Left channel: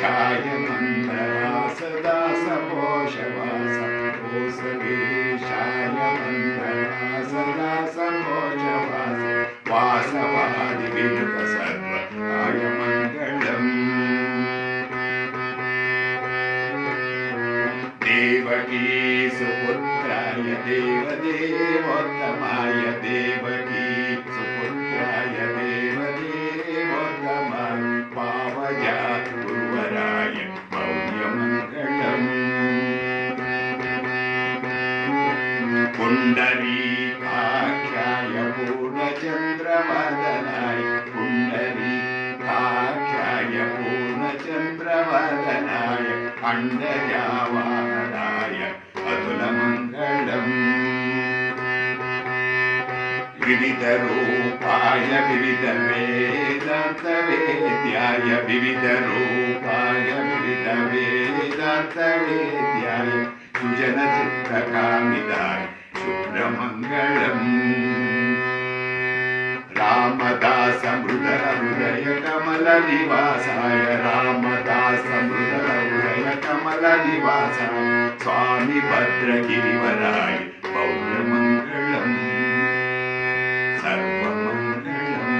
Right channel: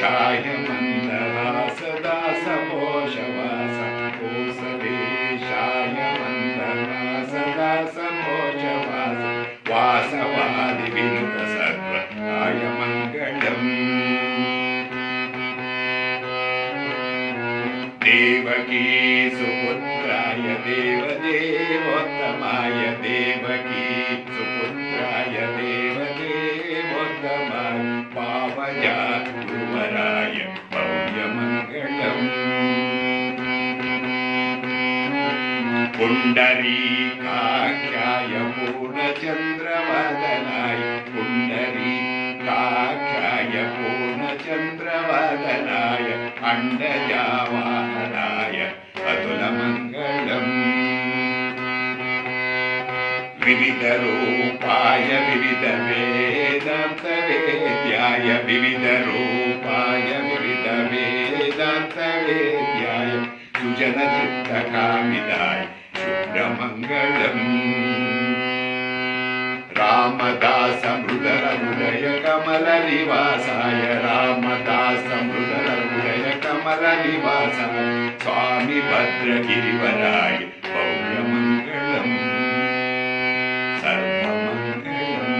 छायमन्दरास दास मोषवास कोसदेशाय मन्दरास दास मोषवास वासवादि विनुत सर्वाय मङ्गलम् देवकी सुपुत्राय देवदेवोत्तमाय देवकी सुपुत्राय देवदेवोत्तमाय पावजातुवराय भव्यमङ्गलम् पुण्डरीकाख्याय पूर्णचन्द्रवदनाय पुण्डरीकाख्याय पूर्णचन्द्रवदनाय अण्डजावाहनाय अतुलमङ्गलम् विविधरूपाय विविधवेदान्तवेद्याय विविधरूपाय विविधवेदान्तवेद्याय सुजनचित्तकामिदाय शुभ्रमङ्गलम् रामदास मृदर हृदय कमल निवासाय रामदास मृदर हृदय कमल निवासाय स्वामी भद्रगिरिवराय भव्यमङ्गलम् सर्वमङ्गलम्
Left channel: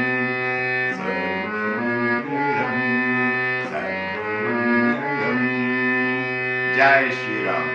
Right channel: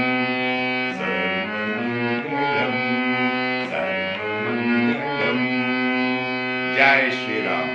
सर्वमङ्गलम् सर्वमङ्गलम् जय श्री राम।